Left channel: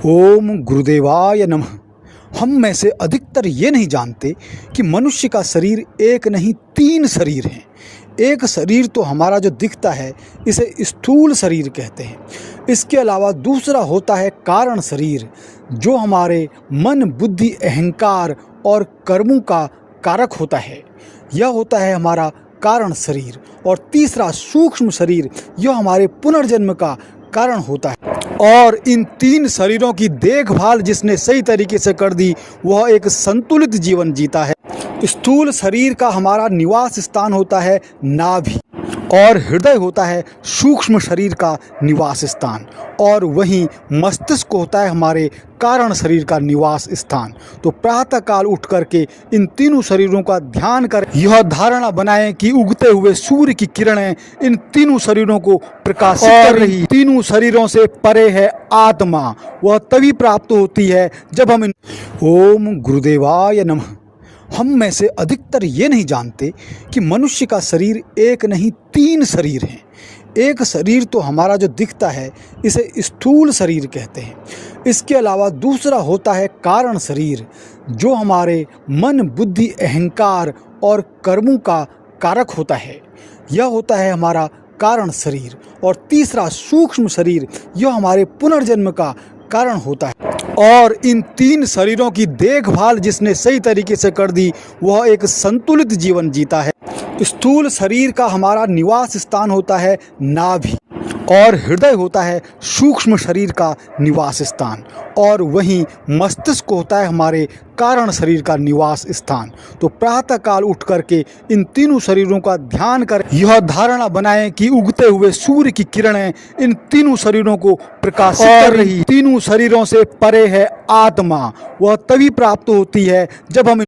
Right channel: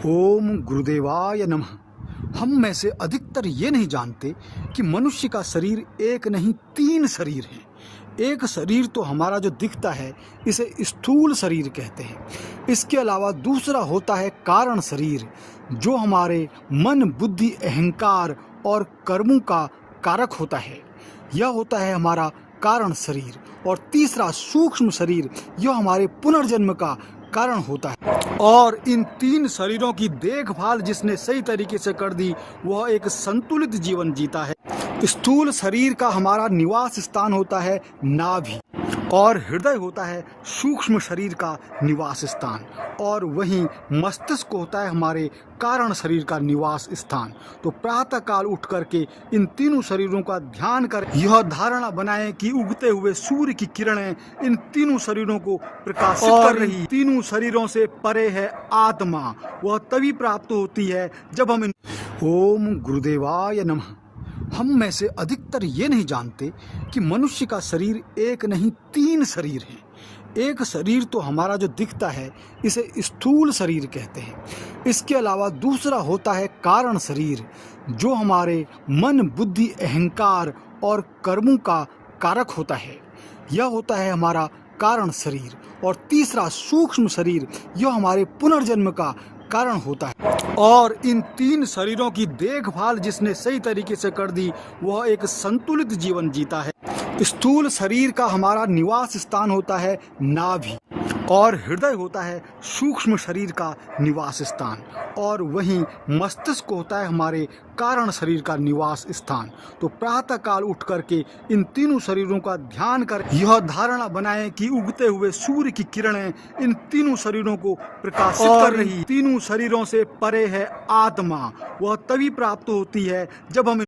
ओम गुरुदेवाय नमः। हम में से अधिकतर ये नहीं जानते कि मनुष्य का शरीर एक नहीं 3 शरीर हैं। एक शरीर तो हमारा जो दिखता है इसे स्थूल शरीर कहते हैं। इसके अलावा दूसरा होता है कारण शरीर, जो हमारे मन, बुद्धि, अहंकार और कर्मों का कारक होता है। यह होता है हमारा कारण शरीर। और तीसरा सूक्ष्म शरीर, यह हमारे पुनर्जन्म का कारण होता है। और इन 3 शरीरों की देखभाल जिसने सही तरीके से कर दी, वह एक संतुलित जीवन जीता है। स्थूल शरीर का हमारा निवास स्थान होता है नाभि, और हृदय होता है सूक्ष्म शरीर का निवास स्थान, और वहीं मस्तिष्क होता है हमारे कारण शरीर का निवास स्थान। तो प्रातःकाल उठ करके इन तीनों शरीरों का ध्यान कर यह धारणा बनाएं कि उगते हुए सूर्य की किरणें इन तीनों शरीरों को प्रकाशित कर रही। तीनों शरीरों से परे है आत्मा, वह तभी प्राप्त होती है जब हम ओम गुरुदेवाय नमः। हम में से अधिकतर ये नहीं जानते कि मनुष्य का शरीर एक नहीं 3 शरीर हैं। एक शरीर तो हमारा जो दिखता है इसे स्थूल शरीर कहते हैं। इसके अलावा दूसरा होता है कारण शरीर, जो हमारे मन, बुद्धि, अहंकार और कर्मों का कारक होता है। यह होता है हमारा कारण शरीर। और तीसरा सूक्ष्म शरीर, यह हमारे पुनर्जन्म का कारण होता है। और इन 3 शरीरों की देखभाल जिसने सही तरीके से कर दी, वह एक संतुलित जीवन जीता है। स्थूल शरीर का हमारा निवास स्थान होता है नाभि, और हृदय होता है सूक्ष्म शरीर का निवास स्थान, और वहीं मस्तिष्क होता है हमारे कारण शरीर का निवास स्थान। तो प्रातःकाल उठ करके इन तीनों शरीरों का ध्यान कर यह धारणा बनाएं कि उगते हुए सूर्य की किरणें इन तीनों शरीरों को प्रकाशित कर रही। तीनों शरीरों से परे है आत्मा, वह तभी प्राप्त होती है जब हम